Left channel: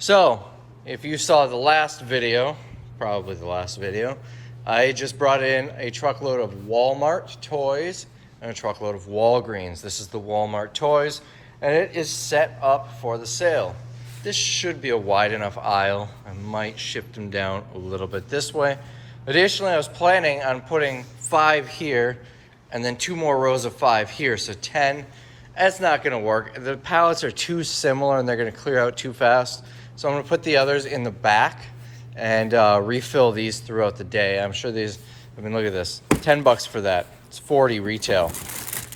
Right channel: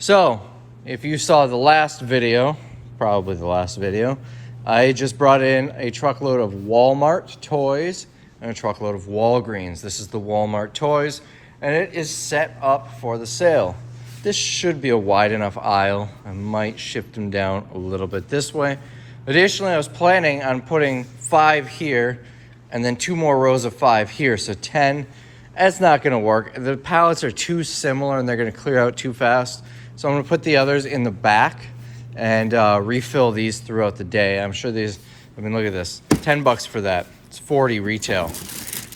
So, if you saw the last video, probably the last video, I just brought in a truckload of Walmart toys and a truckload of Walgreens. This is the Walmart toys, and it is set up for the sale. This should be a wide enough aisle. I might shift them down a little bit this way. Additionally, I was planning on putting 5 here and then 2 more rows of 5 here, so 10. That's not gonna work. The pallets are too similar and they're gonna clear out too fast. So I'm gonna put the others in the back and refill these throughout the day. I'm sure these, I mean, look at this, 10 bucks for that. It's 40 retail.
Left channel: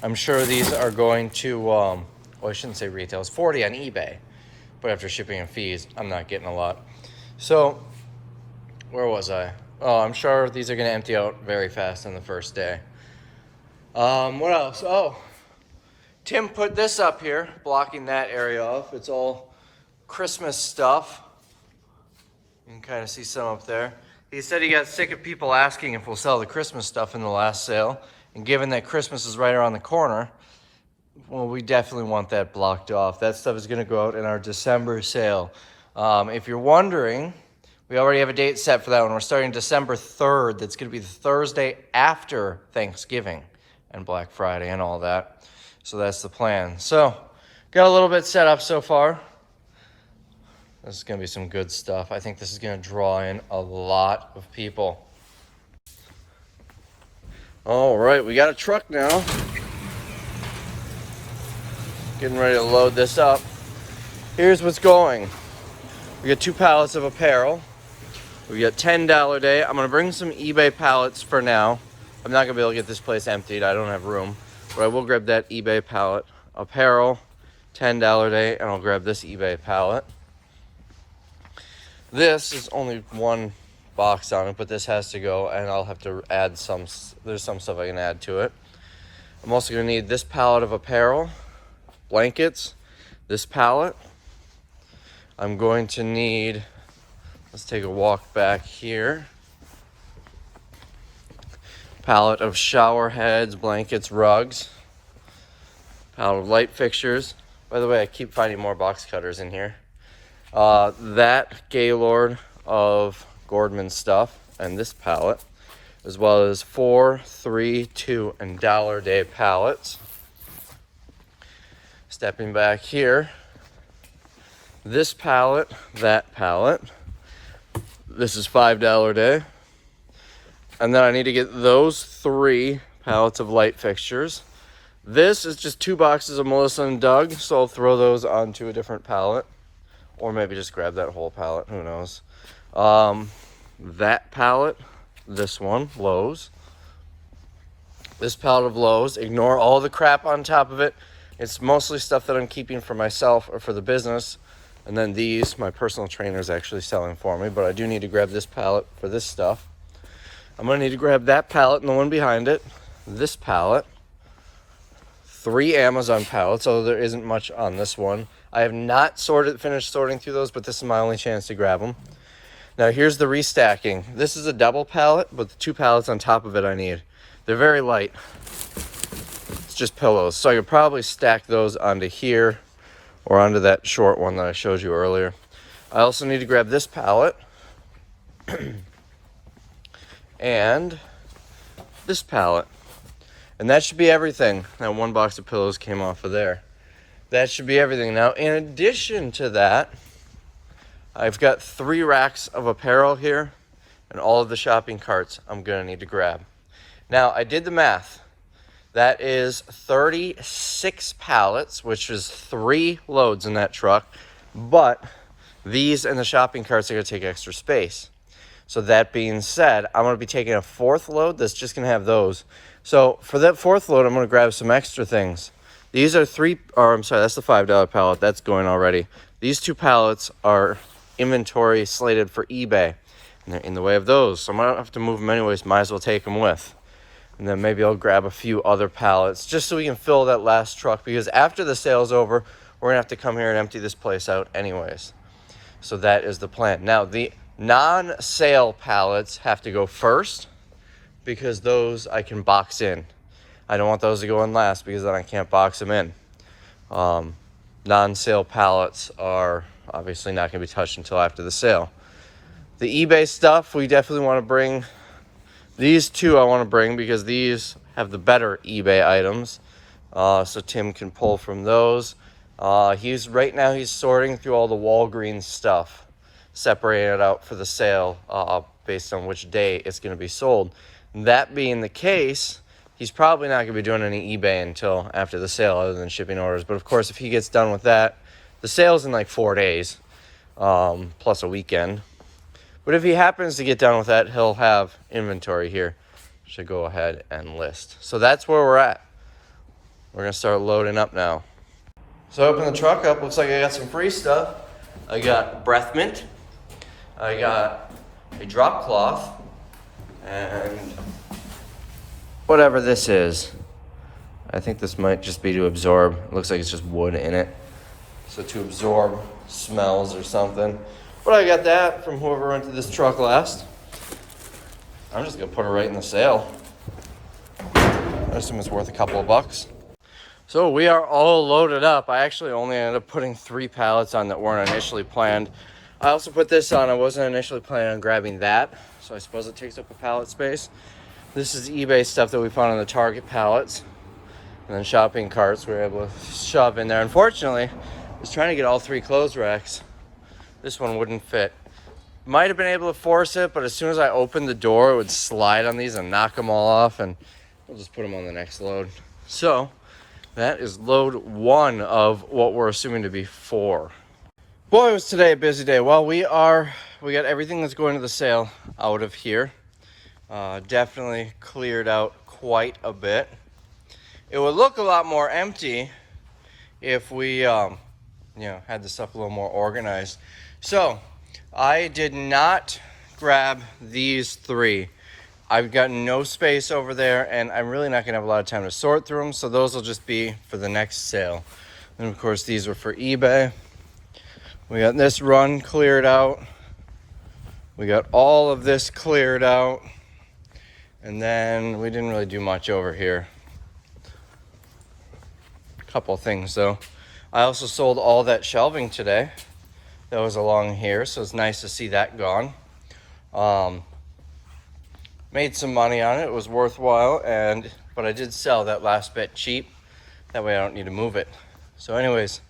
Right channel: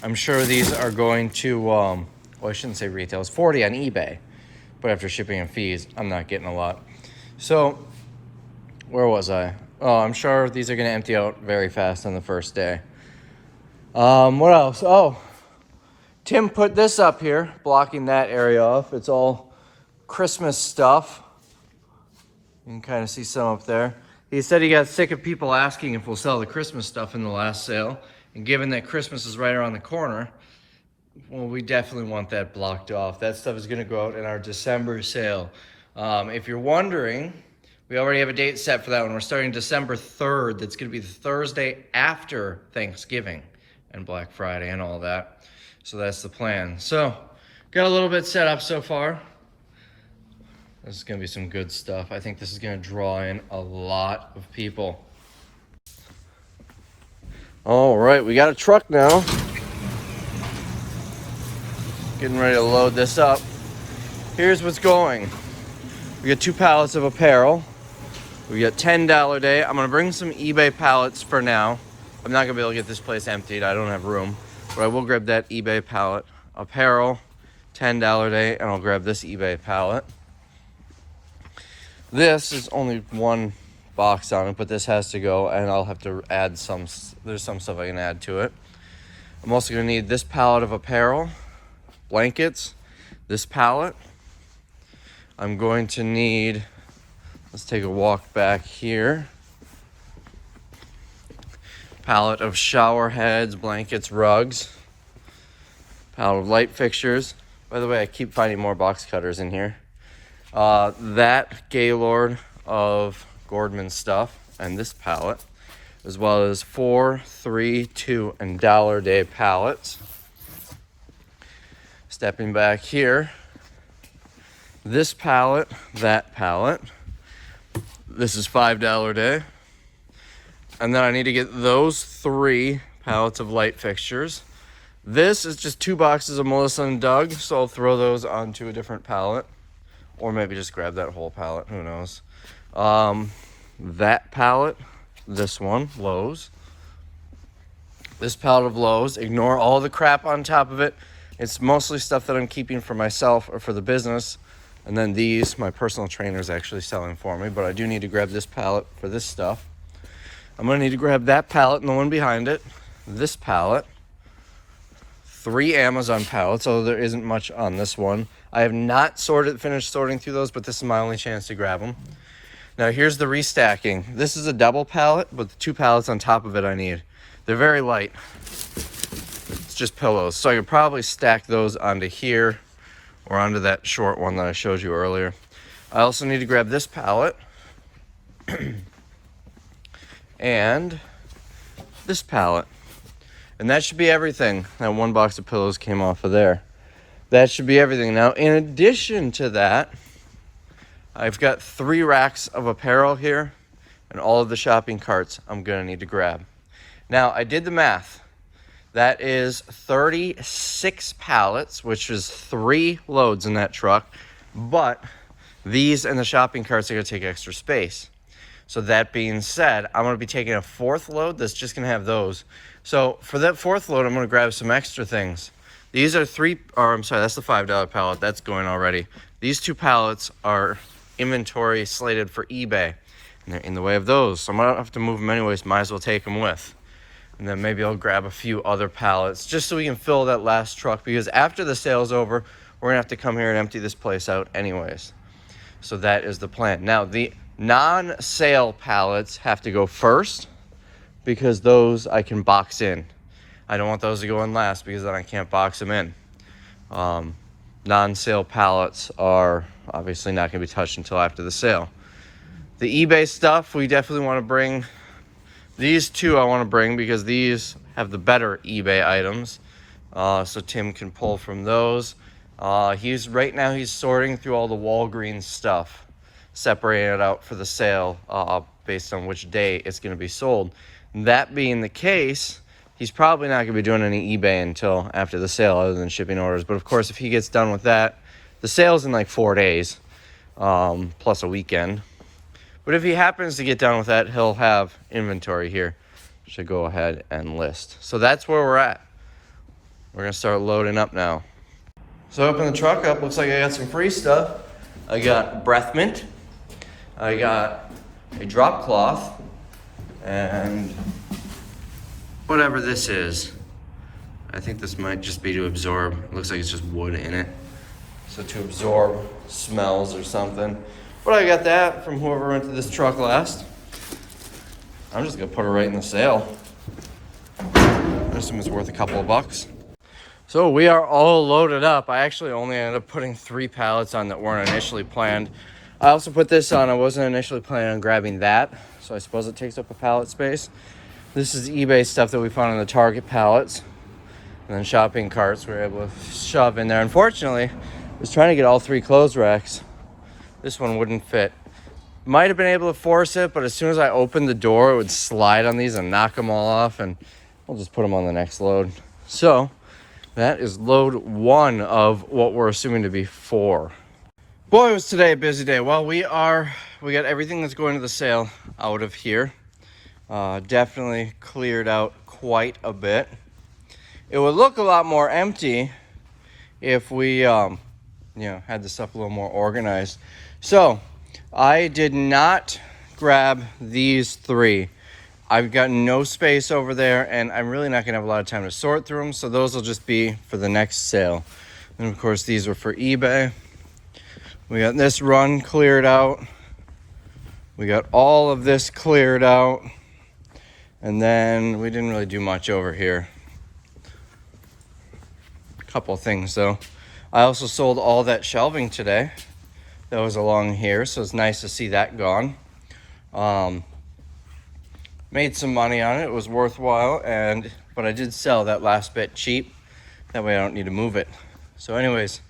I'm sure these are going to, well, I shouldn't say retail, it's 40 on eBay. But after shipping and fees, I'm not getting a lot. So, where was I? Oh, I'm sure these are gonna empty out very fast on the first day. What else? Oh, Tim put this up here, blocking that area off. It's all Christmas stuff. You can kind of see some up there. He said he got sick of people asking if we'll sell the Christmas stuff in the last sale. And given that Christmas is right around the corner, well, we definitely want that blocked off. That stuff is gonna go out in our December sale. If you're wondering, we already have a date set for that one. We're starting December 3rd. That's gonna be the Thursday after Thanksgiving and Black Friday and all that. So that's the plan. So, got a little bit set up so far. This is gonna be some good stuff. I think this is gonna draw in a lot of people. All right, we got a truck now. Getting ready to load this up. Here's what's going. We got 2 pallets of apparel. We got $10 a day. I'm gonna bring some eBay pallets for now. I'm not gonna be able to get this place emptied. I don't have room, but I will grab that eBay pallet. Apparel, $10 a day, and I'll grab this eBay pallet. This is only 1 box on it, but this has to go, and I'll have to add some, there's some stuff I can add to it. I'm also gonna need this pallet of apparel, blankets, this pallet. I'm going to need, let's take a walk back here. Pallet of shower heads, blankets, rugs. Pallet of light fixtures. By the way, I keep finding more box cutters in here. That Gaylord of Gordman stuff and this pallet, as well as 4, 3, 2, and $1 a day pallets. Stepping back here, this pallet, that pallet. This is $5 a day. And then I need to get those 3 pallets of light fixtures. This is just 2 boxes of Melissa and Doug, so I'll throw those onto a different pallet. Or maybe just grab that whole pallet, who knows. That pallet, this one, Lowe's. This pallet of Lowe's, ignore all the crap on top of it. It's mostly stuff that I'm keeping for myself or for the business. And then these, my personal trainer is actually selling for me, but I do need to grab this pallet for this stuff. I'm gonna need to grab that pallet and the one behind it, this pallet, 3 Amazon pallets, although there isn't much on this one. I have not finished sorting through those, but this is my only chance to grab them. Now here's the restacking. This is a double pallet, but the 2 pallets on top of it I need. They're very light. It's just pillows. So I could probably stack those onto here or onto that short one that I showed you earlier. I also need to grab this pallet and this pallet. And that should be everything. That 1 box of pillows came off of there. That should be everything. Now, in addition to that, I've got 3 racks of apparel here and all of the shopping carts I'm gonna need to grab. Now, I did the math. That is 36 pallets, which is 3 loads in that truck, but these and the shopping carts are gonna take extra space. So that being said, I'm gonna be taking a 4th load that's just gonna have those. So for that 4th load, I'm gonna grab some extra things. These are that's the $5 pallet, that's going already. These 2 pallets are inventory slated for eBay, and they're in the way of those. So I'm gonna have to move them anyways, might as well take them with. And then maybe I'll grab a few other pallets just so we can fill that last truck, because after the sale's over, we're gonna have to come here and empty this place out anyways. So that is the plan. Now, the non-sale pallets have to go first because those I can box in. I don't want those to go in last because then I can't box them in. non-sale pallets are obviously not going to be touched until after the sale. The eBay stuff, we definitely want to bring. These two I want to bring because these have the better eBay items. So Tim can pull from those. Right now he's sorting through all the Walgreens stuff, separating it out for the sale based on which day it's going to be sold. That being the case, he's probably not going to be doing any eBay until after the sale other than shipping orders. But of course, if he gets done with that, the sale's in like 4 days, plus a weekend. But if he happens to get done with that, he'll have inventory here. Should go ahead and list. So that's where we're at. We're gonna start loading up now. So I open the truck up, looks like I got some free stuff. I got breath mint. I got a drop cloth. And whatever this is. I think this might just be to absorb. It looks like it's just wood in it. So to absorb smells or something. But I got that from whoever rented this truck last. I'm just gonna put it right in the sale. I assume it's worth a couple of bucks. So we are all loaded up. I actually only ended up putting 3 pallets on that weren't initially planned. I also put this on. I wasn't initially planning on grabbing that, so I suppose it takes up a pallet space. This is eBay stuff that we found on the Target pallets. And then shopping carts we were able to shove in there. Unfortunately, I was trying to get all 3 clothes racks. This one wouldn't fit. Might have been able to force it, but as soon as I opened the door, it would slide on these and knock them all off, and we'll just put them on the next load. So that is load 1 of what we're assuming to be 4. Boy, was today a busy day. Well, we got everything that's going to the sale out of here. Definitely cleared out quite a bit. It would look a lot more empty if we had the stuff a little more organized. So I did not grab these 3. I've got no space over there, and I'm really not gonna have a lot of time to sort through them, so those will just be for the next sale. And of course, these were for eBay. We got this run cleared out. We got all of this cleared out. And then we didn't really do much over here. A couple of things though. I also sold all that shelving today that was along here, so it's nice to see that gone. Made some money on it. It was worthwhile, but I did sell that last bit cheap. That way I don't need to move it. So anyways,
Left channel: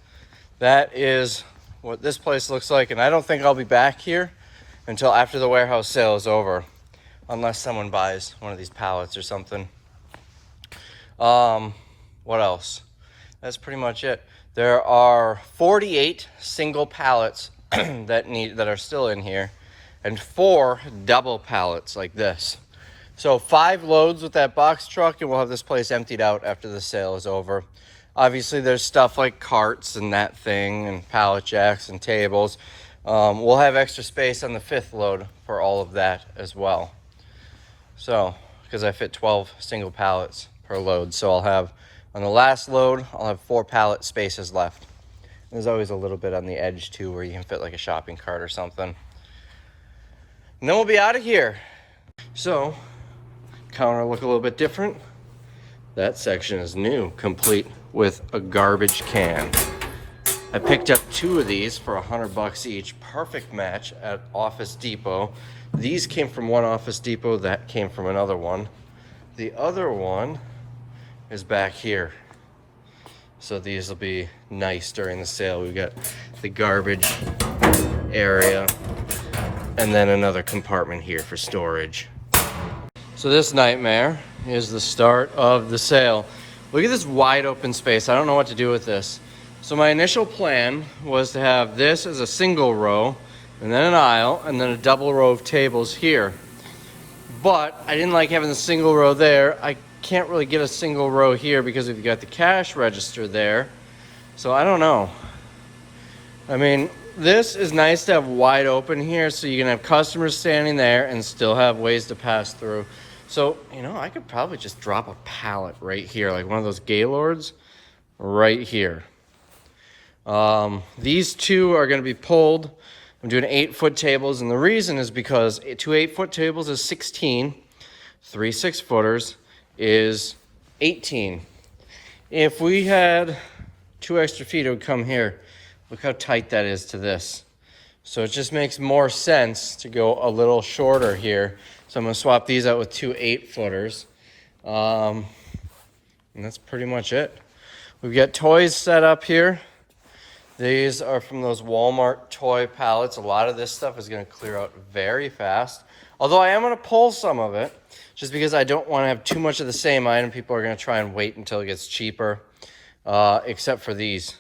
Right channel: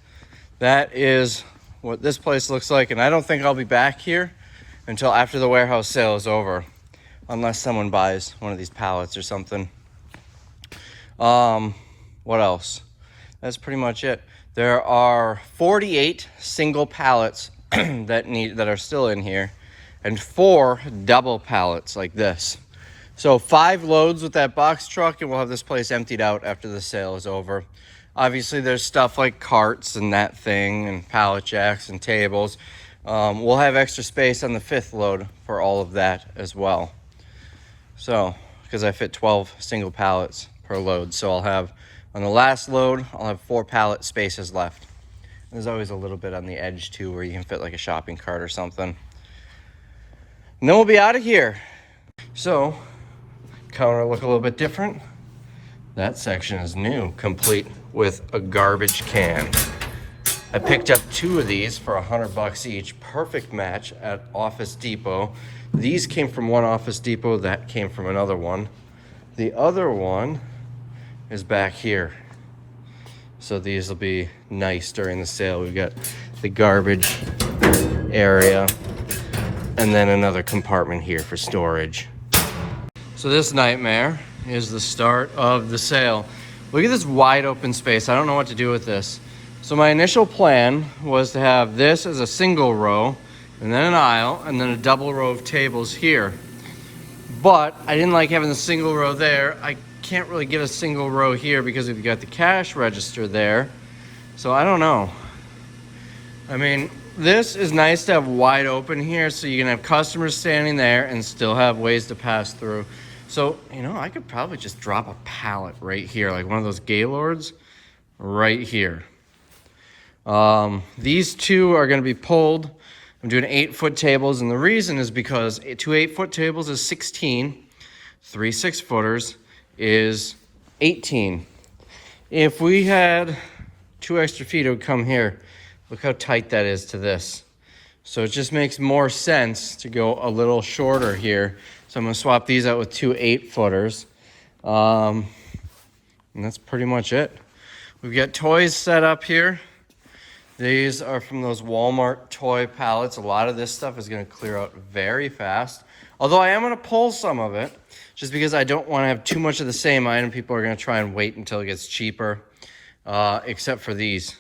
that is what this place looks like, and I don't think I'll be back here until after the warehouse sale is over, unless someone buys one of these pallets or something. What else? That's pretty much it. There are 48 single pallets that are still in here, and 4 double pallets like this. So 5 loads with that box truck, and we'll have this place emptied out after the sale is over. Obviously, there's stuff like carts and that thing, and pallet jacks and tables. We'll have extra space on the 5th load for all of that as well. So, because I fit 12 single pallets per load, so I'll have, on the last load, I'll have 4 pallet spaces left. There's always a little bit on the edge too where you can fit like a shopping cart or something. And then we'll be out of here. So, counter look a little bit different. That section is new, complete with a garbage can. I picked up 2 of these for $100 each. Perfect match at Office Depot. These came from one Office Depot, that came from another one. The other one is back here. So these will be nice during the sale. We've got the garbage area and then another compartment here for storage. So this nightmare is the start of the sale. Look at this wide open space. I don't know what to do with this. So my initial plan was to have this as a single row, and then an aisle, and then a double row of tables here. But I didn't like having the single row there. I can't really get a single row here because we've got the cash register there. So I don't know. I mean, this is nice to have wide open here so you can have customers standing there and still have ways to pass through. So, I could probably just drop a pallet right here, like one of those Gaylords right here. These 2 are gonna be pulled. I'm doing 8-foot tables, and the reason is because 2 8-foot tables is 16, 3 6-footers is 18. If we had 2 extra feet, it would come here. Look how tight that is to this. So it just makes more sense to go a little shorter here. So I'm gonna swap these out with 2 8-footers. And that's pretty much it. We've got toys set up here. These are from those Walmart toy pallets. A lot of this stuff is gonna clear out very fast. Although I am gonna pull some of it, just because I don't wanna have too much of the same item. People are gonna try and wait until it gets cheaper, except for these.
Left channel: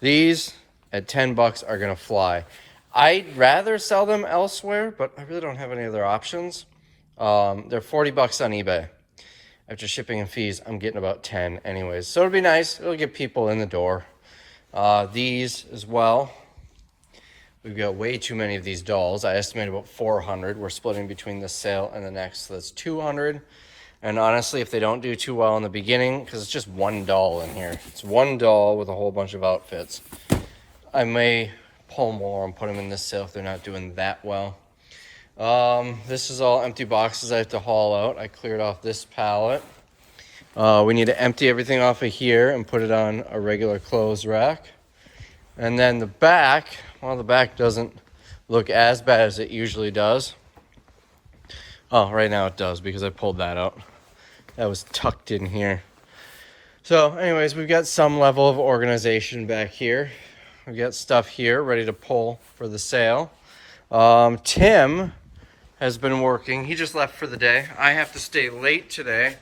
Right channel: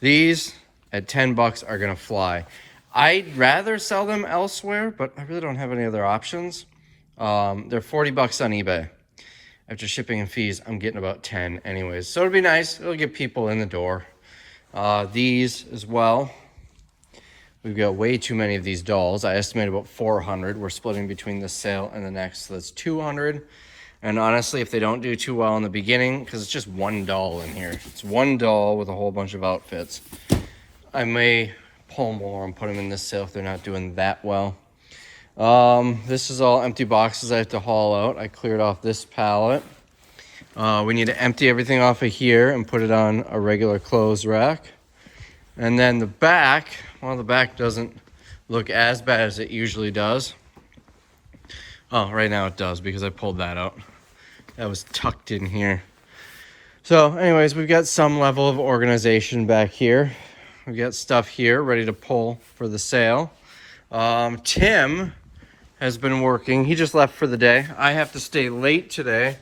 These at 10 bucks are gonna fly. I'd rather sell them elsewhere, but I really don't have any other options. They're 40 bucks on eBay. After shipping and fees, I'm getting about 10 anyways. So it'll be nice. It'll get people in the door. These as well. We've got way too many of these dolls. I estimate about 400. We're splitting between this sale and the next, so that's 200. And honestly, if they don't do too well in the beginning, because it's just one doll in here. It's one doll with a whole bunch of outfits. I may pull more and put them in this sale if they're not doing that well. This is all empty boxes I have to haul out. I cleared off this pallet. We need to empty everything off of here and put it on a regular clothes rack. And then the back, well, the back doesn't look as bad as it usually does. Oh, right now it does because I pulled that out. That was tucked in here. So anyways, we've got some level of organization back here. We've got stuff here ready to pull for the sale. Tim has been working. He just left for the day. I have to stay late today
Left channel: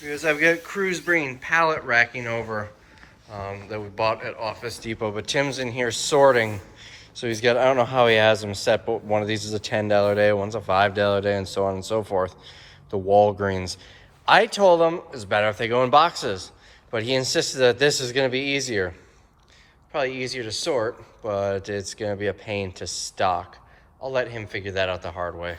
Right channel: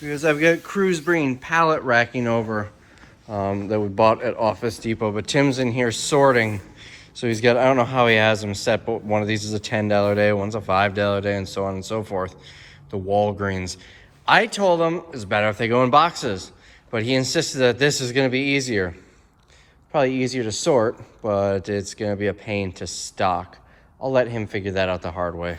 because I've got crews bringing pallet racking over that we bought at Office Depot. But Tim's in here sorting. So he's got, I don't know how he has them set, but one of these is a $10 day, one's a $5 day, and so on and so forth. The Walgreens. I told him it's better if they go in boxes, but he insisted that this is going to be easier. Probably easier to sort, but it's going to be a pain to stock. I'll let him figure that out the hard way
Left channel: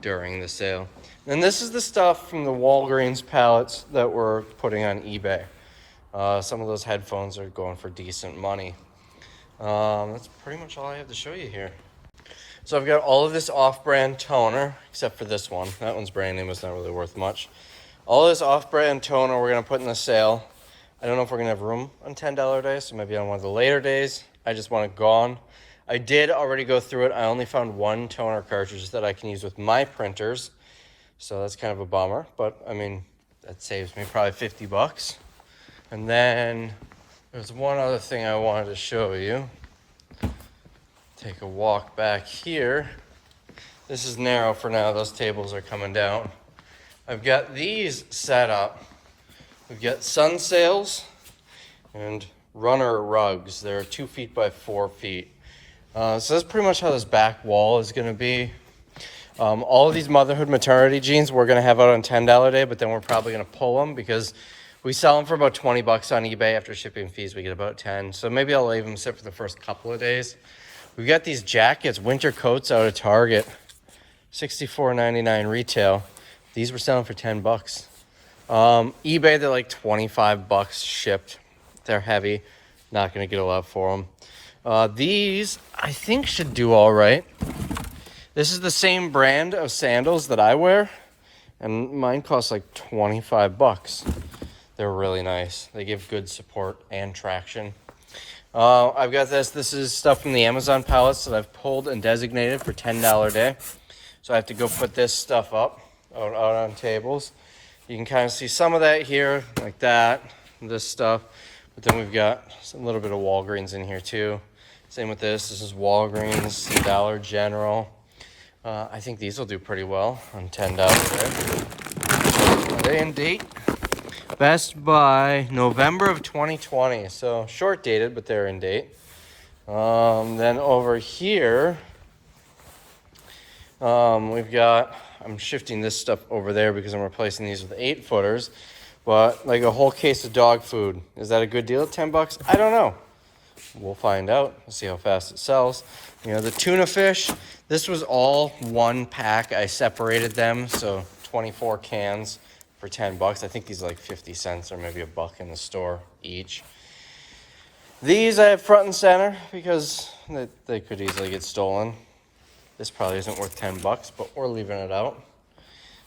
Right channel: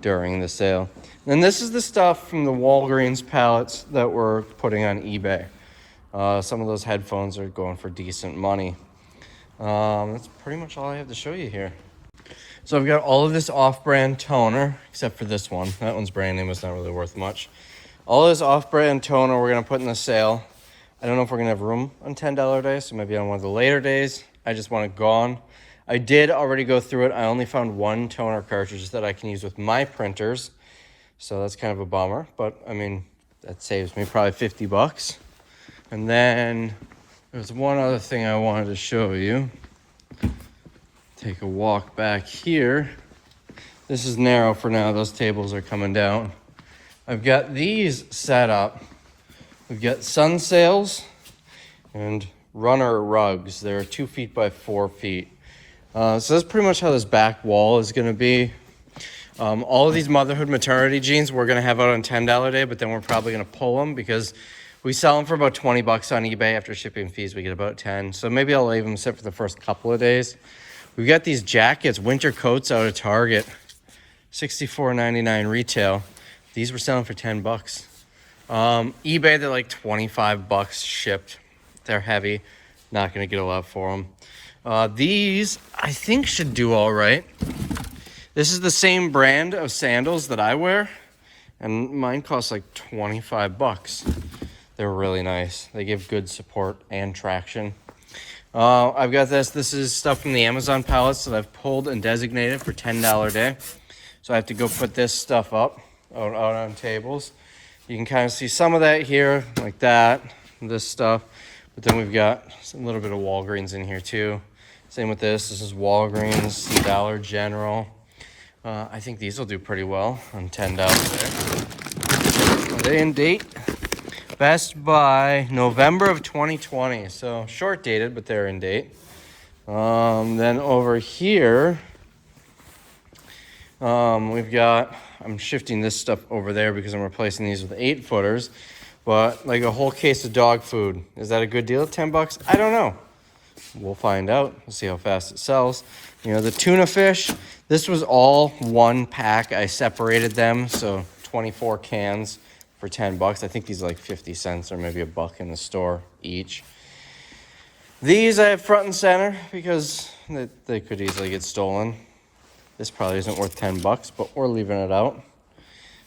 during the sale. And this is the stuff from the Walgreens pallets that we're putting on eBay. Some of those headphones are going for decent money. That's pretty much all I have to show you here. So I've got all of this off-brand toner, except for this one. That one's brand name, it's not really worth much. All this off-brand toner we're gonna put in the sale. I don't know if we're gonna have room on $10 days, so maybe on one of the later days. I just want it gone. I did already go through it. I only found one toner cartridge that I can use with my printers. So that's kind of a bummer, but I mean, that saves me probably 50 bucks. And then there's one other thing I wanted to show you. Take a walk back here. This is narrow for now. Those tables are coming down. I've got these set up. We've got sun sails and runner rugs. They're 2 feet by 4 feet. So that's pretty much how this back wall is going to be. All of these motherhood maternity jeans we're going to have out on $10 day, but then we're probably going to pull them because we sell them for about 20 bucks on eBay. After shipping fees, we get about 10. So maybe I'll leave them sit for the first couple of days. We've got these jackets, winter coats out of Target, $64.99 retail. These were selling for 10 bucks. eBay, they're like 25 bucks shipped. They're heavy. Not going to get a lot for them. These, I think, should do all right. This is the same brand of sandals that I wear, and mine cost like 25 bucks. They're really nice. They give good support and traction. I've got this. This is stuff from the Amazon pallets that I've pulled and designated for $10 day. So I have to go put this stuff up out on tables. You can kind of see some of that here, like that, this stuff. But then we've got a little bit of Walgreens in here too. Same with this. This is Walgreens, Dollar General. I think these will do pretty well on $10 day. Are they in date? Best by November of 2020. So short dated, but they're in date. Then over here, we've got, I'm shifting this stuff over there because I'm replacing these with 8-footers. But like a whole case of dog food. Is that a good deal? 10 bucks? I don't know. We'll find out. We'll see how fast it sells. You know, the tuna fish, this was all one pack. I separated them, so 24 cans for 10 bucks. I think these are like 50 cents or maybe $1 in the store each. These I have front and center because they could easily get stolen. This probably isn't worth 10 bucks, but we're leaving it out.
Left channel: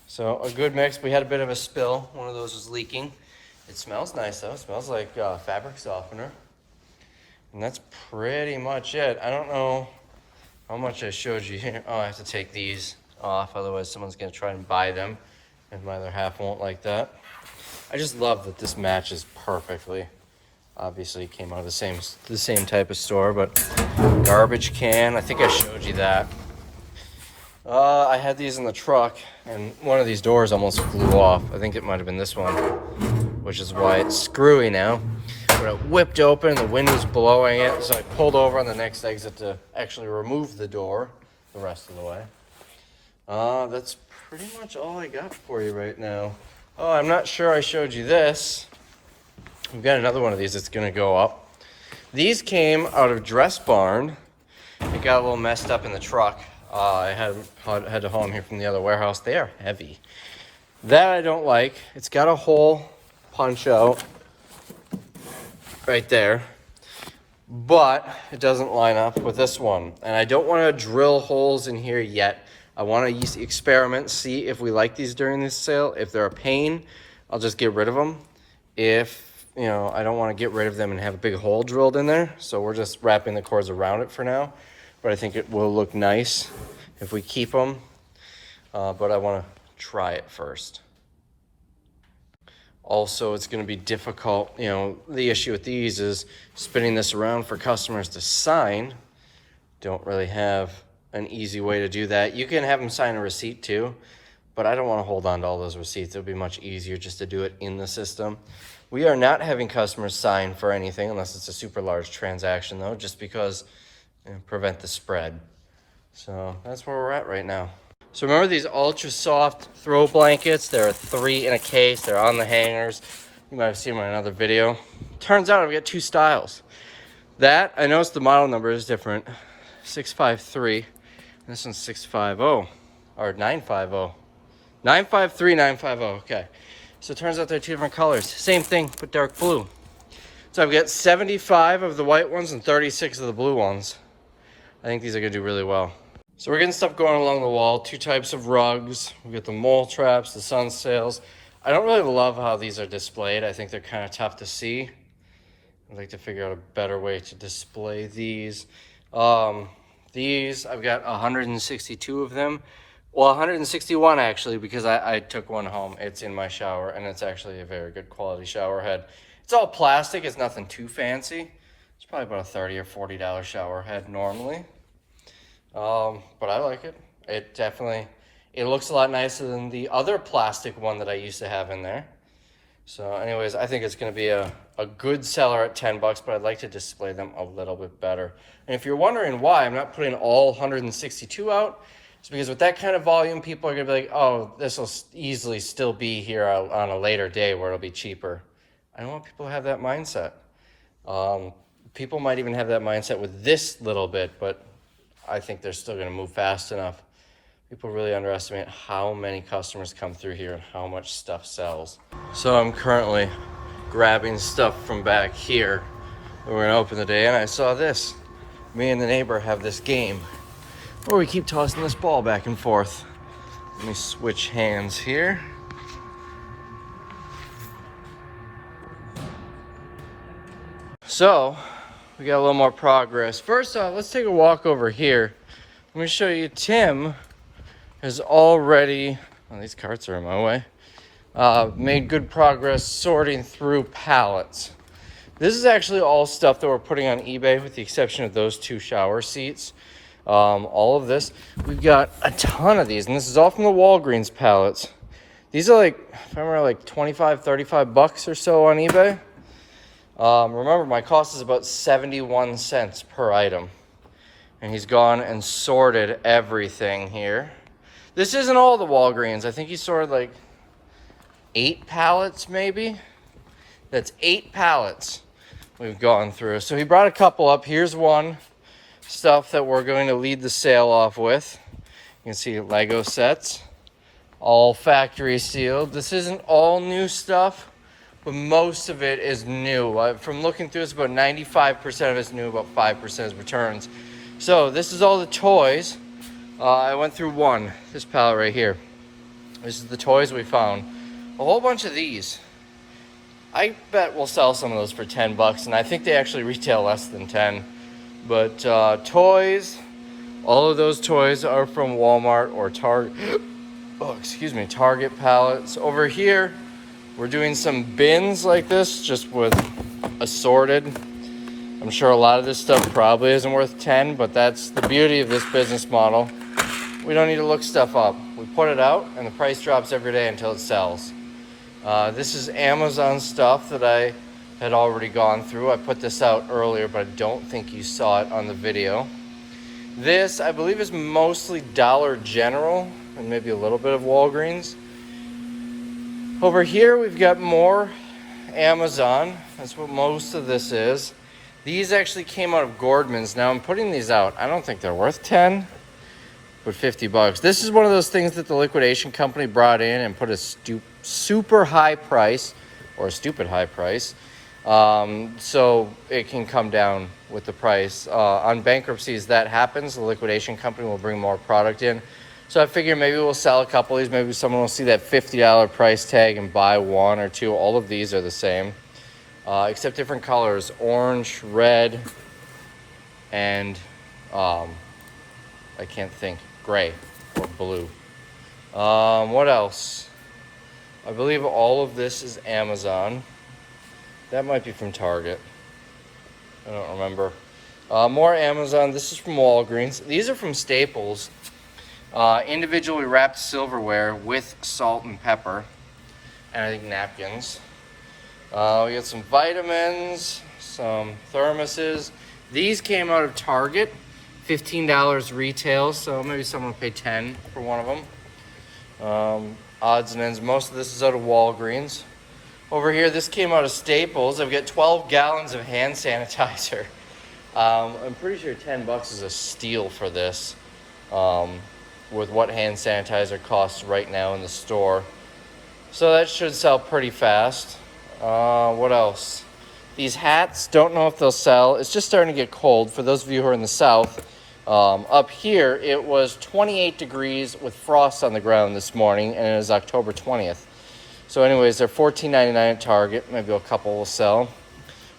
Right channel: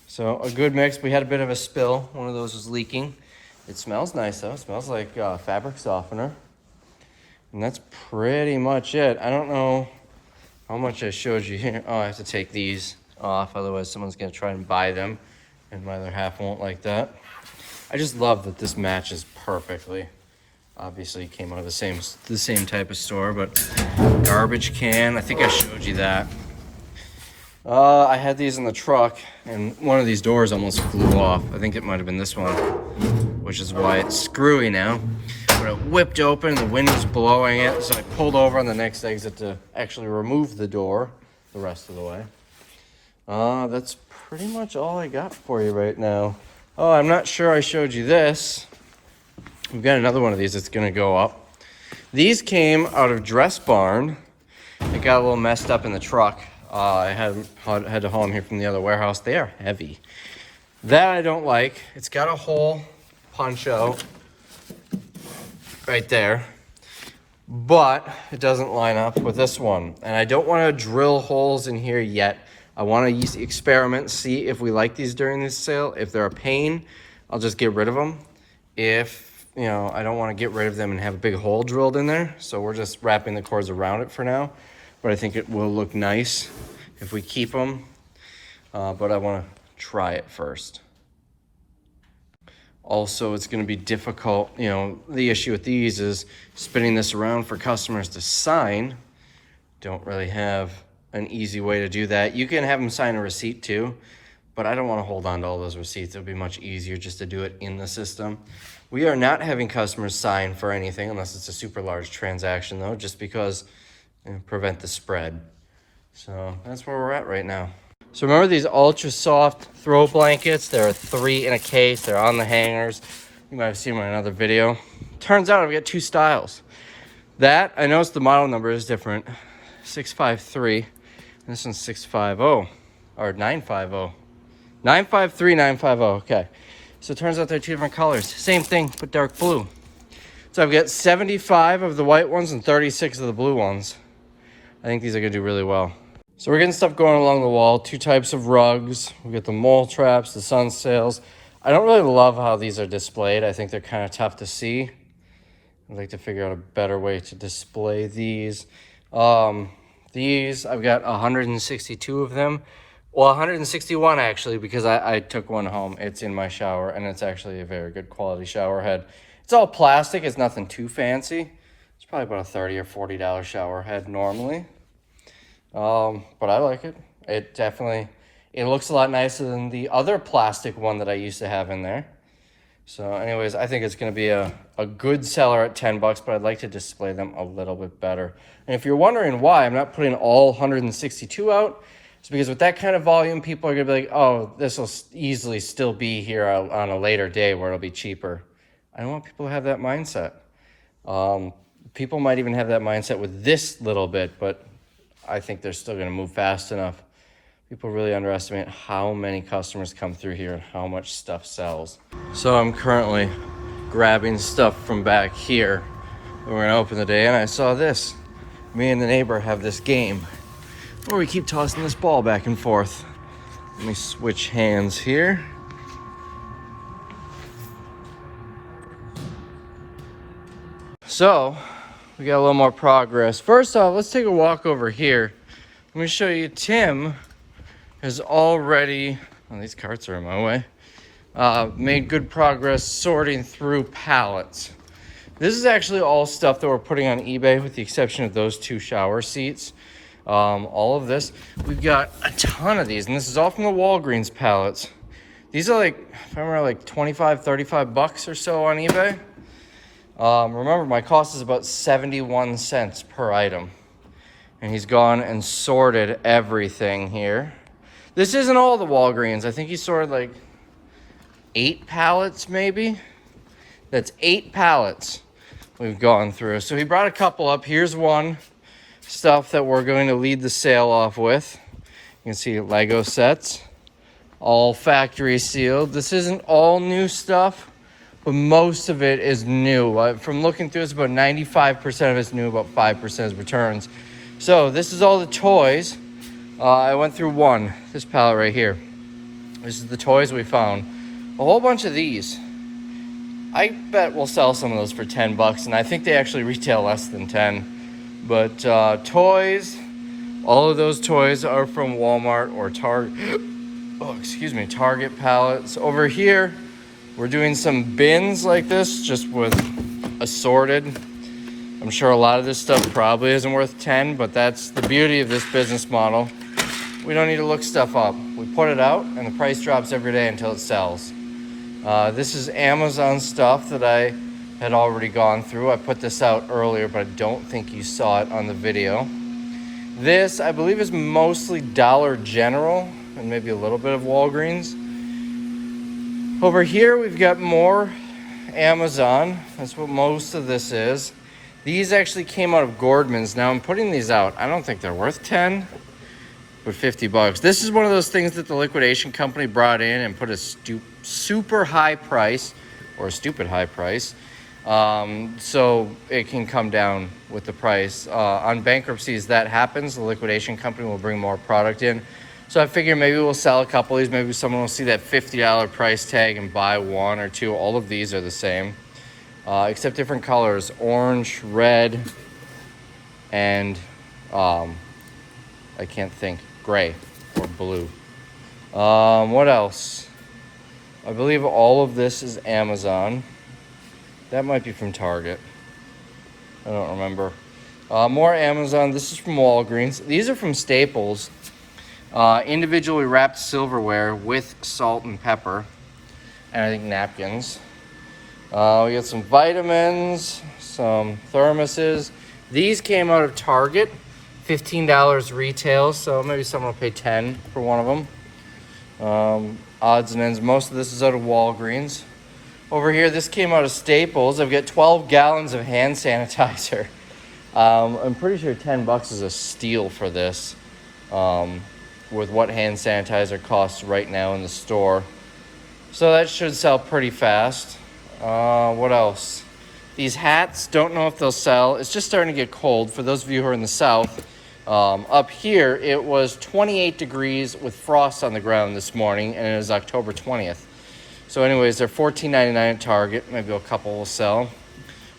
So a good mix. We had a bit of a spill. One of those was leaking. It smells nice though. It smells like fabric softener. And that's pretty much it. I don't know how much I showed you here. Oh, I have to take these off, otherwise someone's gonna try and buy them, and my other half won't like that. I just love that this matches perfectly. Obviously, it came out of the same type of store, but garbage can. I think I showed you that. I had these in the truck, and one of these doors almost flew off. I think it might have been this one, which is why it's screwy now. But it whipped open, the wind was blowing it, so I pulled over on the next exit to actually remove the door the rest of the way. That's pretty much all I got for you right now. Oh, I'm not sure I showed you this. We've got another one of these that's gonna go up. These came out of Dress Barn. It got a little messed up in the truck. I had to haul them here from the other warehouse. They are heavy. That I don't like. It's got a hole punch out right there, but it doesn't line up with this one. And I don't want to drill holes in here yet. I want to experiment, see if we like these during this sale. If they're a pain, I'll just get rid of them. If, you know, I don't want to get rid of them and have a big hole drilled in there. So we're just wrapping the cords around it for now. But I think it will look nice if we keep them. But I want to try it first. Also, it's going to be difficult. You know, the issue with these is spinning this around for customers to sign. Don't really have an easy way to do that. You can have them sign a receipt too, but I don't want to hold on to all those receipts. It'll be much easier just to do it in the system. We are not having customers sign for anything unless it's a super large transaction though, just because prevent the spread. So that's where we're at right now. So remember these ultra soft throw blankets? There are 3 in a case. They're on the hangers. You might have seen them in another video. Turns out I've got 2 styles. That, I noticed the model number is different. 653. This one's 650 or 950. 953, 950. Okay. So it turns out they're 2 different colors. Same thing, but dark blue. So I've got 75 of the white ones and 36 of the blue ones. I think these are gonna do really well. So we're getting stuff going along the wall. 2 types of rugs. We got the mole traps, the sun sails. I don't really love how these are displayed. I think they're kind of tough to see. I'd like to figure out a better way to display these. These, I've got 162 of them. Well, 161 actually, because I took one home. It's in my shower, and it's actually a very good quality shower head. It's all plastic. It's nothing too fancy. It's probably about a $30 or $40 shower head normally. But I like it. It looks a lot nicer than the other plastic one that I used to have in there. So anyways, I think it's going to be a good seller at 10 bucks, but I'd like to display them a little bit better. And if you're wondering why I'm not putting all 162 out, it's because with that kind of volume, people are going to be like, oh, this will easily still be here on a later day where it'll be cheaper. I don't want people to have that mindset. People might even have that mindset with this little bit, but I think they're still going to move fast enough. People really underestimate how many customers come through here and how much stuff sells. So I'm currently grabbing stuff from back here. We're going to open the day, and I saw this. Me and the neighbor have this game where we keep tossing this ball back and forth. Let me switch hands here. So we got a little more progress. First off, let's take a walk over here. Let me show you. Tim has already, oh, these carts are in my way, made good progress sorting through pallets. This is actually all stuff that we're putting on eBay with the exception of those 2 shower seats. All of this, we've got a ton of these, and this is all from the Walgreens pallets. These are like, if I remember, like 25, 35 bucks or so on eBay. Remember, my cost is about 71 cents per item. And he's gone and sorted everything here. This isn't all the Walgreens. I think he sorted like 8 pallets maybe. That's 8 pallets we've gone through. So he brought a couple up. Here's one stuff that we're going to lead the sale off with. You can see Lego sets, all factory sealed. This isn't all new stuff, but most of it is new. From looking through this, about 95% of it's new, about 5% is returns. So this is all the toys. I went through this pallet right here. This is the toys we found. A whole bunch of these. I bet we'll sell some of those for 10 bucks, and I think they actually retail less than 10. But toys, all of those toys are from Walmart or Target. Oh, excuse me, Target pallets. Over here, we're doing some bins like this, just with assorted. I'm sure a lot of this stuff probably isn't worth 10, but that's the beauty of this business model. We don't need to look stuff up. We put it out, and the price drops every day until it sells. This is Amazon stuff that I had already gone through. I put this out earlier, but I don't think you saw it on the video. This, I believe, is mostly Dollar General and maybe a little bit of Walgreens. Over here, we've got more Amazon. That's what most of this is. These actually came out of Gordman's. Now I'm putting these out. I don't think they're worth 10. But 50 bucks. This is one of those things that the liquidation company brought in and put a super high price, or a stupid high price, so it can come down with the price. On bankruptcies, that happens. The liquidation company will bring more product in. So I figure maybe we'll sell a couple of these. Maybe someone will see that $50 price tag and buy one or two. All of these are the same, except different colors: orange, red, and I can't think. Gray or blue. What else? I believe all of this is Amazon. That might be from Target. I don't remember. More Amazon. This is from Walgreens. These are from Staples. Individually wrapped silverware with salt and pepper. And I think napkins. We got some vitamins, some thermoses. These came out of Target. $15 retail, so maybe someone will pay 10 for one of them. Odds and ends. Most of this is out of Walgreens. Over here, this came out of Staples. I've got 12 gallons of hand sanitizer. I'm pretty sure 10 bucks is a steal for this, with what hand sanitizer costs right now in the store. So that should sell pretty fast. What else? These hats, don't know if they'll sell. It's just starting to get cold. For those of you who are in the south, up here, it was 28 degrees with frost on the ground this morning, and it was October 20th. So anyways, they're $14.99 at Target. Maybe a couple will sell.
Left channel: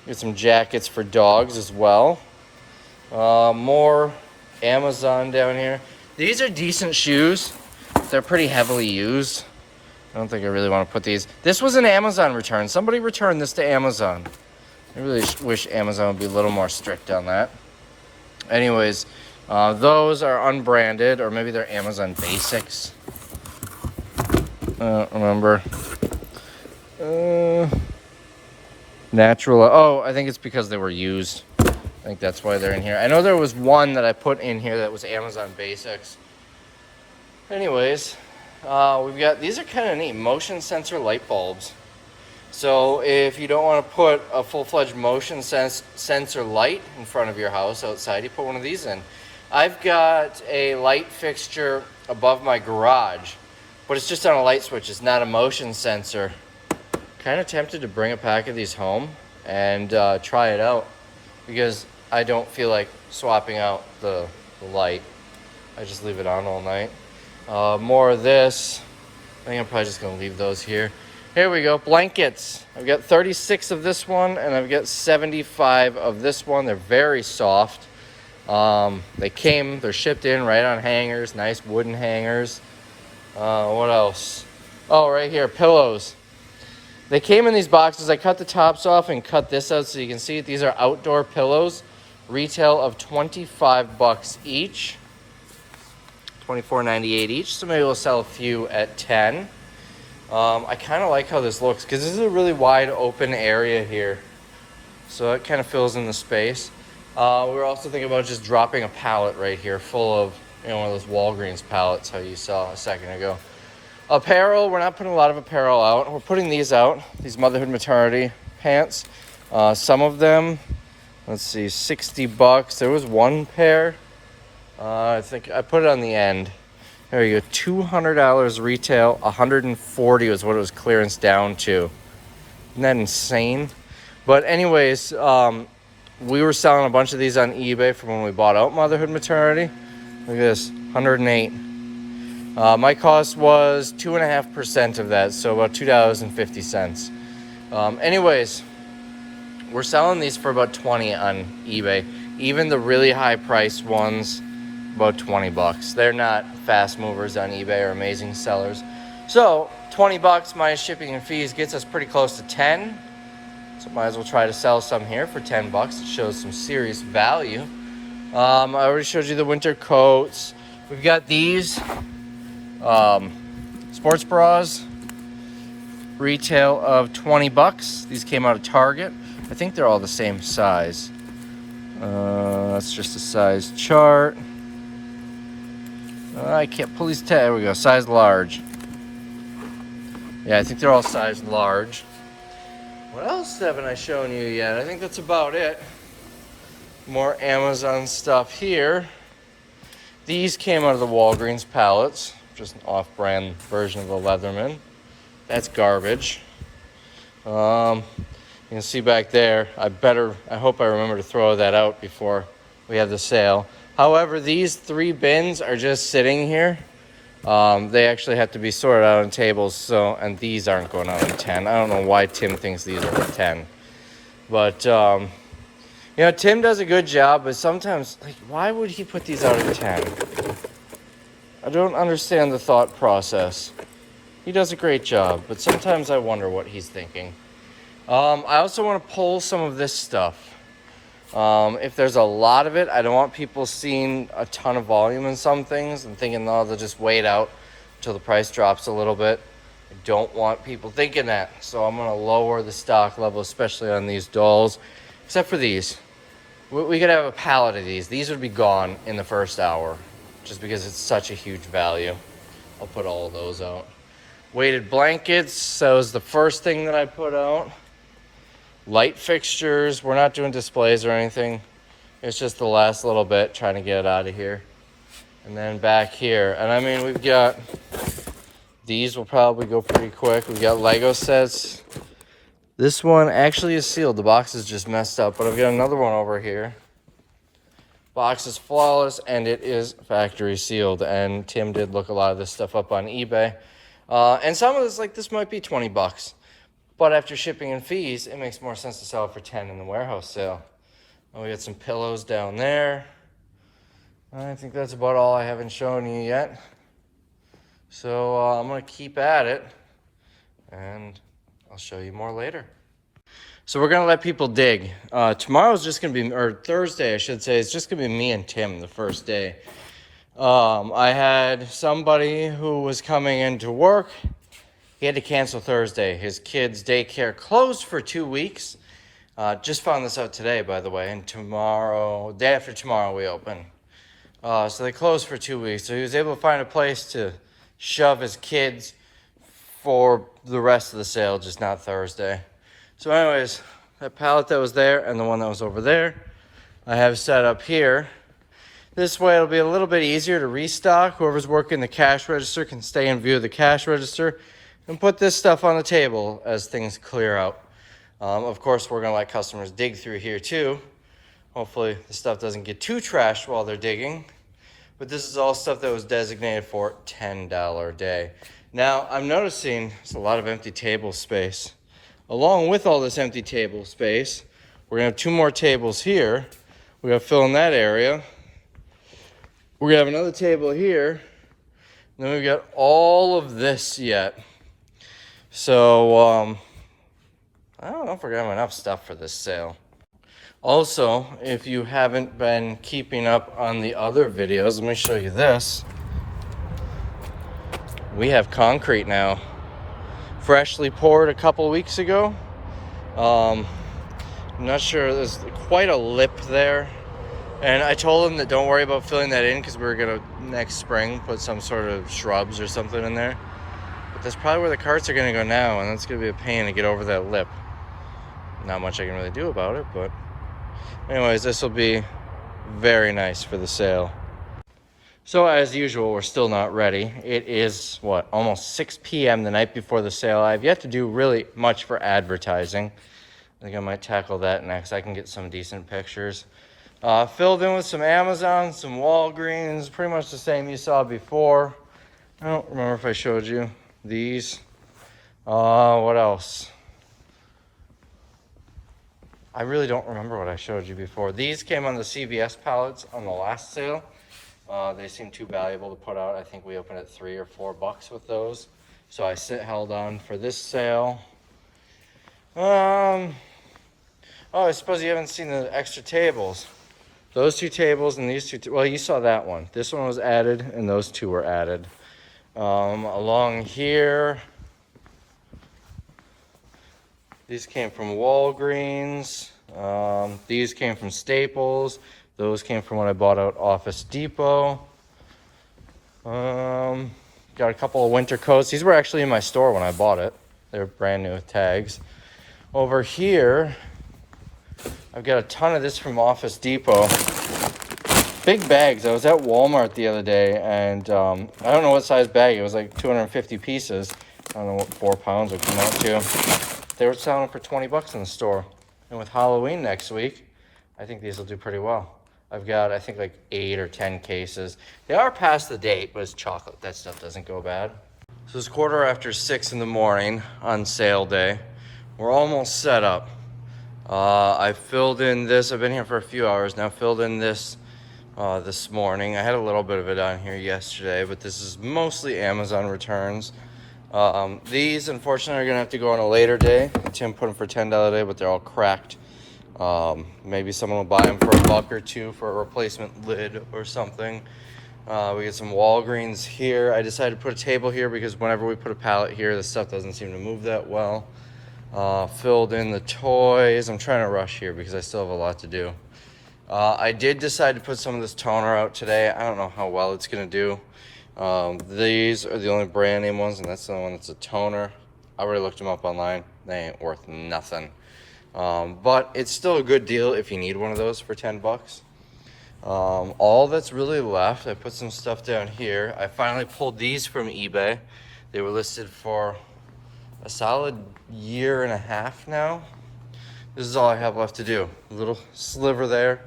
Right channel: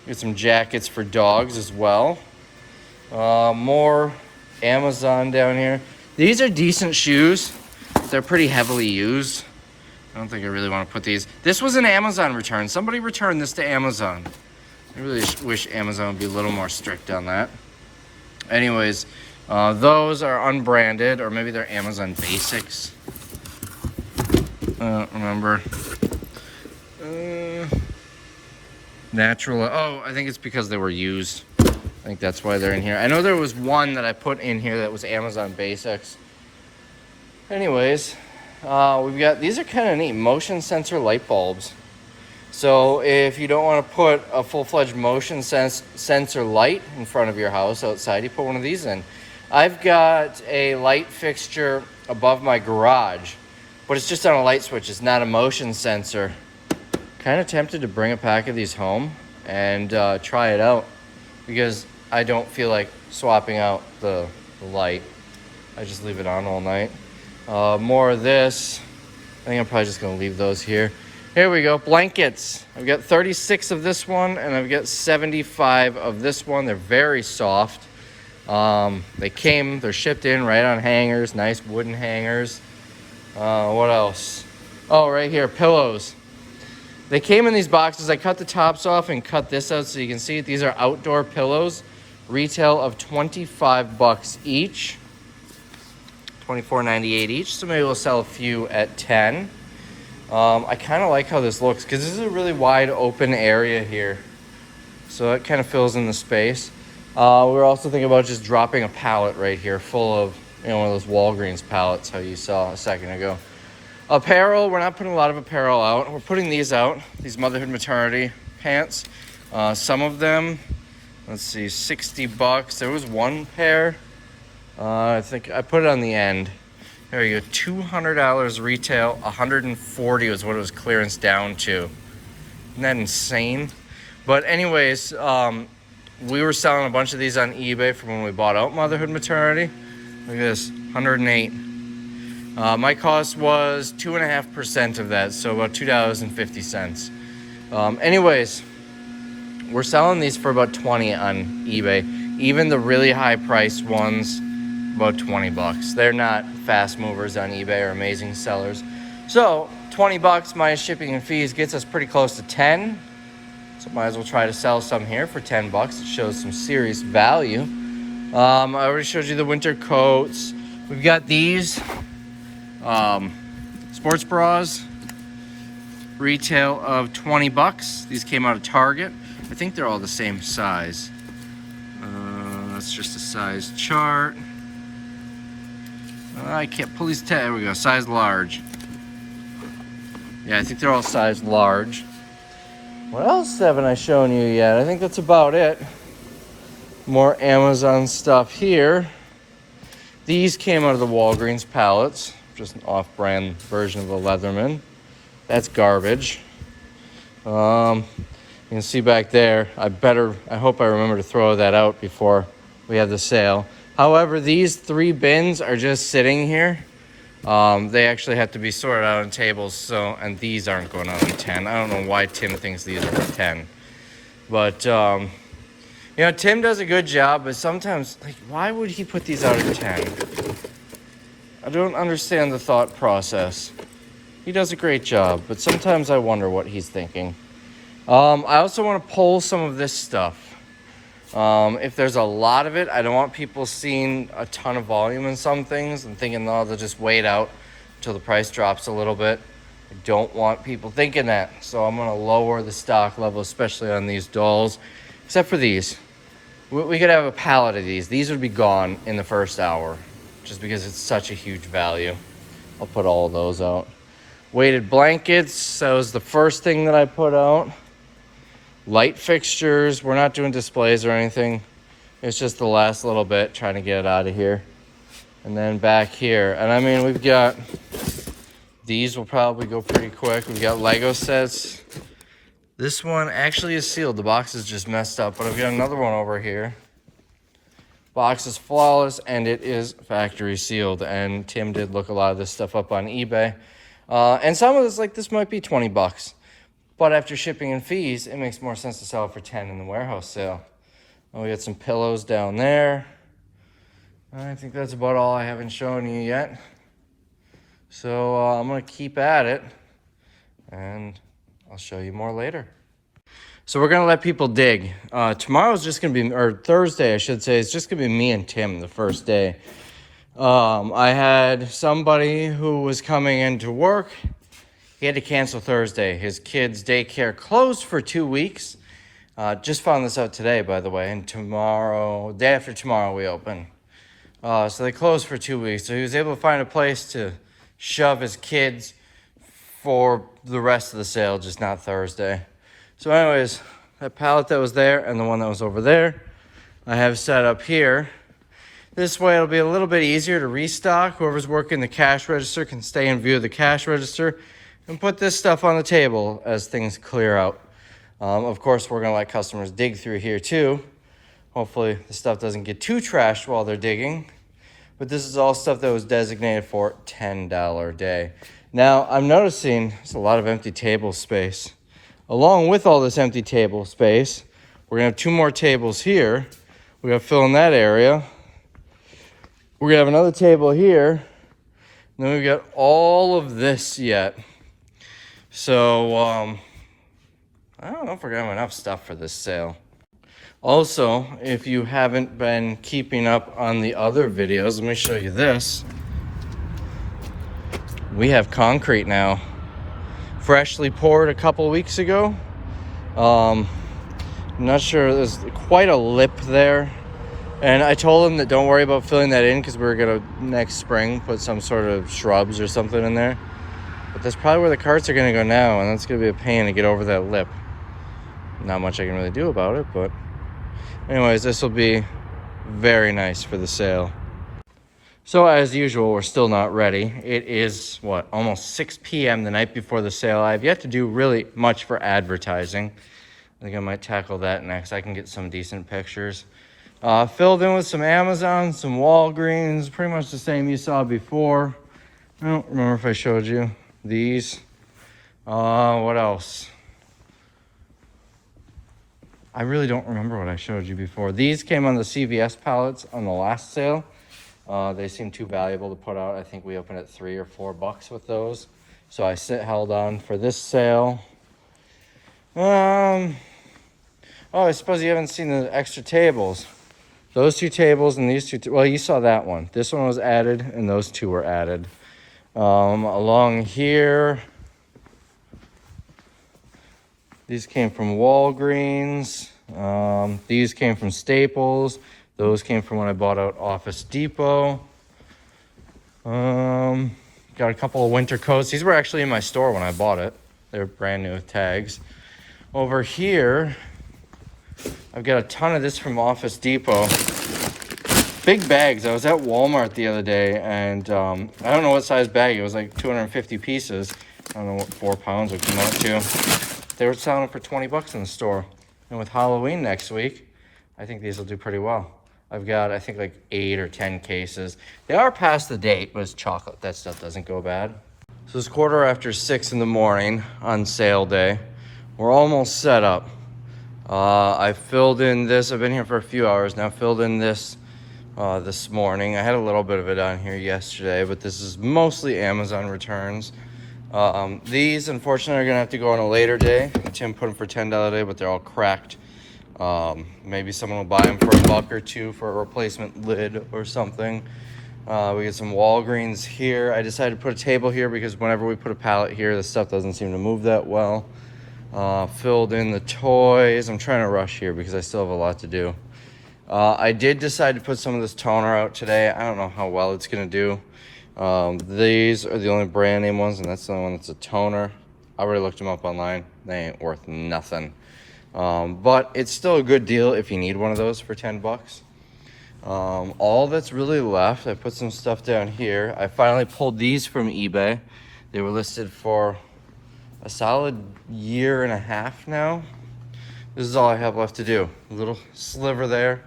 Get some jackets for dogs as well. More Amazon down here. These are decent shoes. They're pretty heavily used. I don't think I really want to put these. This was an Amazon return. Somebody returned this to Amazon. I really wish Amazon would be a little more strict on that. Anyways, those are unbranded, or maybe they're Amazon Basics. I don't remember. Natural. Oh, I think it's because they were used. I think that's why they're in here. I know there was one that I put in here that was Amazon Basics. Anyways, we've got, these are kind of neat, motion sensor light bulbs. So if you don't want to put a full-fledged motion sensor light in front of your house outside, you put one of these in. I've got a light fixture above my garage, but it's just on a light switch. It's not a motion sensor. Kind of tempted to bring a pack of these home and try it out, because I don't feel like swapping out the light. I just leave it on all night. More of this. I think I'm probably just going to leave those here. Here we go, blankets. I've got 36 of this one, and I've got 75 of this one. They're very soft. They're shipped in right on hangers, nice wooden hangers. What else? Oh, right here, pillows. They came in these boxes. I cut the tops off and cut this out so you can see it. These are outdoor pillows. Retail of 25 bucks each. $24.98 each, so maybe we'll sell a few at 10. I kind of like how this looks, because this is a really wide open area here, so it kind of fills in the space. We're also thinking about just dropping a pallet right here full of, one of those Walgreens pallets, how you saw a second ago. Apparel, we're not putting a lot of apparel out. We're putting these out, these motherhood maternity pants. Some of them, let's see, 60 bucks. There was one pair. I think I put it on the end. There you go, $200 retail, $140 was what it was clearance down to. Isn't that insane? But anyways, we were selling a bunch of these on eBay from when we bought out Motherhood Maternity. Look at this, $108. My cost was 2.5% of that, so about $2.50. Anyways, we're selling these for about 20 on eBay. Even the really high priced ones, about 20 bucks. They're not fast movers on eBay or amazing sellers. So 20 bucks minus shipping and fees gets us pretty close to 10. So might as well try to sell some here for 10 bucks. It shows some serious value. I already showed you the winter coats. We've got these sports bras, retail of 20 bucks. These came out of Target. I think they're all the same size. That's just a size chart. I can't pull these tags. There we go, size large. Yeah, I think they're all size large. What else haven't I shown you yet? I think that's about it. More Amazon stuff here. These came out of the Walgreens pallets, just an off-brand version of a Leatherman. That's garbage. You can see back there, I hope I remember to throw that out before we have the sale. However, these 3 bins are just sitting here. They actually have to be sorted out on tables, and these aren't going out on 10. I don't know why Tim thinks these are for 10. But, you know, Tim does a good job, but sometimes, like, why would he put these out at 10? I don't understand the thought process. He does a great job, but sometimes I wonder what he's thinking. I also want to pull some of this stuff. If there's a lot of it, I don't want people seeing a ton of volume in some things and thinking, oh, they'll just wait out until the price drops a little bit. I don't want people thinking that. So I'm going to lower the stock level, especially on these dolls, except for these. We could have a pallet of these. These would be gone in the first hour just because it's such a huge value. I'll put all of those out. Weighted blankets, that was the first thing that I put out. Light fixtures, we're not doing displays or anything. It's just the last little bit, trying to get it out of here. And then back here, and I mean, we've got, these will probably go pretty quick. We've got Lego sets. This one actually is sealed. The box is just messed up, but I've got another one over here. Box is flawless, and it is factory sealed. And Tim did look a lot of this stuff up on eBay. And some of this, like this, might be 20 bucks. But after shipping and fees, it makes more sense to sell it for 10 in the warehouse sale. And we got some pillows down there. I think that's about all I haven't shown you yet. So I'm going to keep at it, and I'll show you more later. So we're going to let people dig. Tomorrow's just going to be, or Thursday, I should say, it's just going to be me and Tim the first day. I had somebody who was coming into work. He had to cancel Thursday. His kid's daycare closed for 2 weeks. Just found this out today, by the way. And tomorrow, day after tomorrow, we open. So they closed for 2 weeks. So he was able to find a place to shove his kids for the rest of the sale, just not Thursday. So anyways, that pallet that was there and the one that was over there, I have set up here. This way it'll be a little bit easier to restock. Whoever's working the cash register can stay in view of the cash register and put this stuff on the table as things clear out. Of course, we're gonna let customers dig through here too. Hopefully the stuff doesn't get too trashed while they're digging. But this is all stuff that was designated for $10 a day. Now, I'm noticing there's a lot of empty table space. Along with all this empty table space, we're gonna have 2 more tables here. We gotta fill in that area. We're gonna have another table here. And then we've got all of this yet. So, I don't know if we're gonna have enough stuff for this sale. Also, if you haven't been keeping up on the other videos, let me show you this. We have concrete now. Freshly poured a couple weeks ago. I'm not sure, there's quite a lip there. And I told them that don't worry about filling that in because we were gonna next spring put some sort of shrubs or something in there. But that's probably where the carts are gonna go now, and that's gonna be a pain to get over that lip. Not much I can really do about it, but anyways, this will be very nice for the sale. So as usual, we're still not ready. It is, what, almost 6 p.m. the night before the sale. I have yet to do really much for advertising. I think I might tackle that next. I can get some decent pictures. Filled in with some Amazon, some Walgreens, pretty much the same you saw before. I don't remember if I showed you these. What else? I really don't remember what I showed you before. These came on the CVS pallets on the last sale. They seem too valuable to put out. I think we opened at $3 or $4 with those. So I held on for this sale. Oh, I suppose you haven't seen the extra tables. Those two tables and these two, well, you saw that one. This one was added and those two were added. Along here, these came from Walgreens. These came from Staples. Those came from when I bought out Office Depot. Got a couple of winter coats. These were actually in my store when I bought it. They're brand new with tags. Over here, I've got a ton of this from Office Depot. Big bags. I was at Walmart the other day, and I don't know what size bag. It was like 250 pieces. I don't know what 4 pounds would come out to. They were selling for 20 bucks in the store. And with Halloween next week, I think these will do pretty well. I've got, I think, like 8 or 10 cases. They are past the date, but it's chocolate. That stuff doesn't go bad. So it's 6:15 in the morning on sale day. We're almost set up. I filled in this. I've been here for a few hours now. Filled in this this morning. I had a little bit of it on here yesterday, but this is mostly Amazon returns. These, unfortunately, are going to have to go on a later day. Tim put them for $10 a day, but they're all cracked. Maybe someone will buy them for $1 or $2 for a replacement lid or something. We get some Walgreens here. I decided to put a table here because whenever we put a pallet here, the stuff doesn't seem to move that well. Filled in the toys. I'm trying to rush here because I still have a lot to do. I did decide to put some of this toner out today. I don't know how well it's going to do. These are the only brand name ones, and that's the only one that's a toner. I already looked them up online. They ain't worth nothing. But it's still a good deal if you need one of those for 10 bucks. All that's really left, I put some stuff down here. I finally pulled these from eBay. They were listed for a solid 1.5 years now. This is all I have left to do. A little sliver there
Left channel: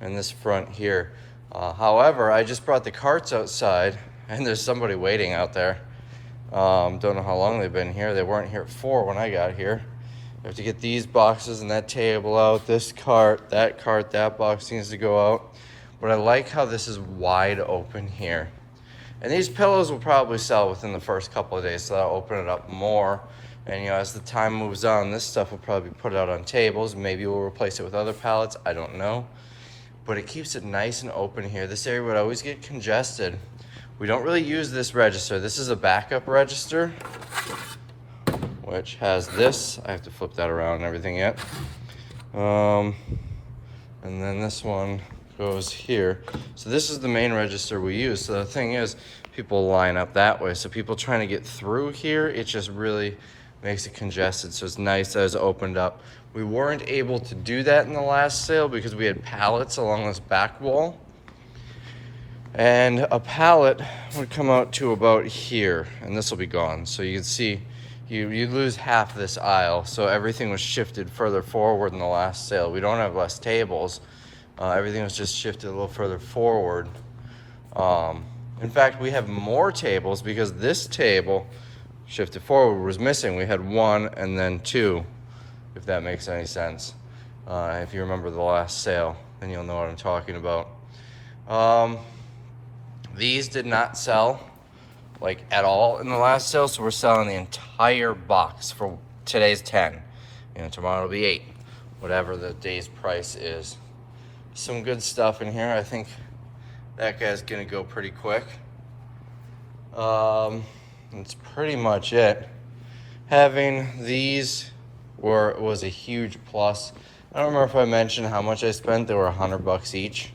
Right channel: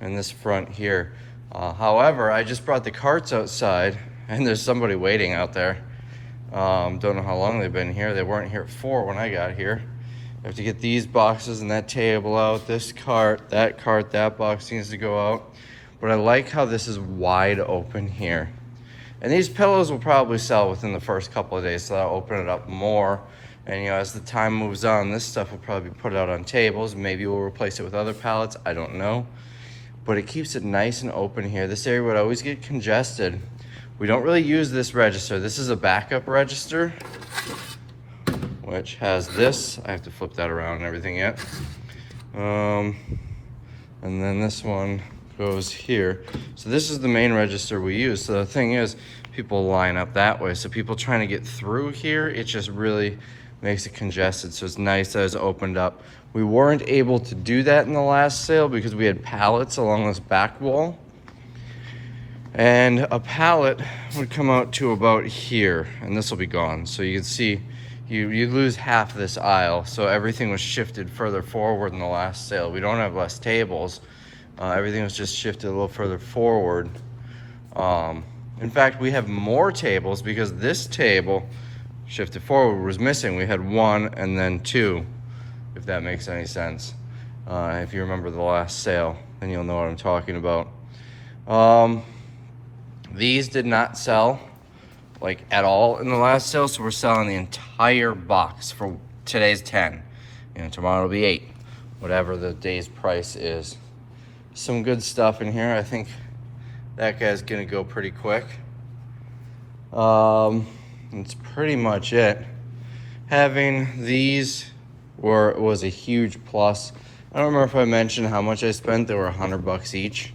and this front here. However, I just brought the carts outside and there's somebody waiting out there. Don't know how long they've been here. They weren't here at 4 when I got here. I have to get these boxes and that table out, this cart, that box needs to go out. But I like how this is wide open here. And these pillows will probably sell within the first couple of days, so I'll open it up more. And as the time moves on, this stuff will probably be put out on tables. Maybe we'll replace it with other pallets, I don't know. But it keeps it nice and open here. This area would always get congested. We don't really use this register. This is a backup register, which has this. I have to flip that around and everything yet. And then this one goes here. So this is the main register we use. So the thing is, people line up that way. So people trying to get through here, it just really makes it congested. So it's nice that it's opened up. We weren't able to do that in the last sale because we had pallets along this back wall. And a pallet would come out to about here, and this will be gone. So you can see you lose half this aisle. So everything was shifted further forward in the last sale. We don't have less tables. Everything was just shifted a little further forward. In fact, we have more tables because this table shifted forward was missing. We had 1 and then 2, if that makes any sense. If you remember the last sale, then you'll know what I'm talking about. These did not sell like at all in the last sale, so we're selling the entire box for today's 10. Tomorrow will be 8, whatever the day's price is. Some good stuff in here. I think that guy's gonna go pretty quick. That's pretty much it. Having these was a huge plus. I don't remember if I mentioned how much I spent. They were $100 each.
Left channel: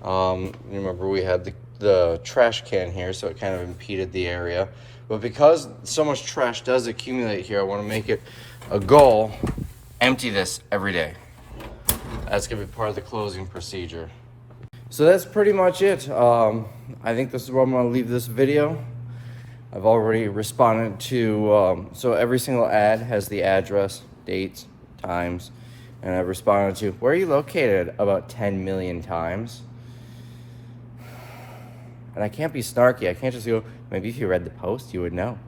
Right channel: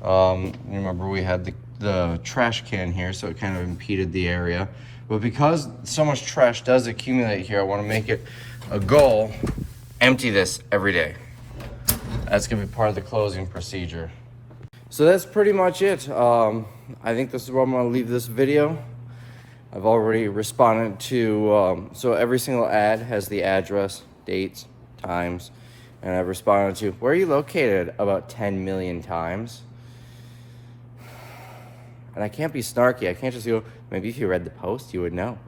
Remember we had the trash can here, so it kind of impeded the area. But because so much trash does accumulate here, I want to make it a goal, empty this every day. That's gonna be part of the closing procedure. So that's pretty much it. I think this is where I'm gonna leave this video. I've already responded to, so every single ad has the address, dates, times, and I've responded to, where are you located, about 10 million times. And I can't be snarky. I can't just go, maybe if you read the post, you would know.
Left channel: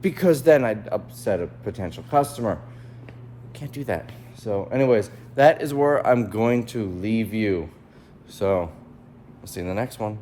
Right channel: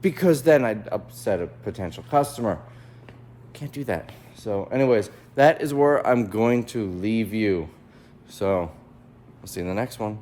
Because then I'd upset a potential customer. Can't do that. So anyways, that is where I'm going to leave you. So, we'll see you in the next one.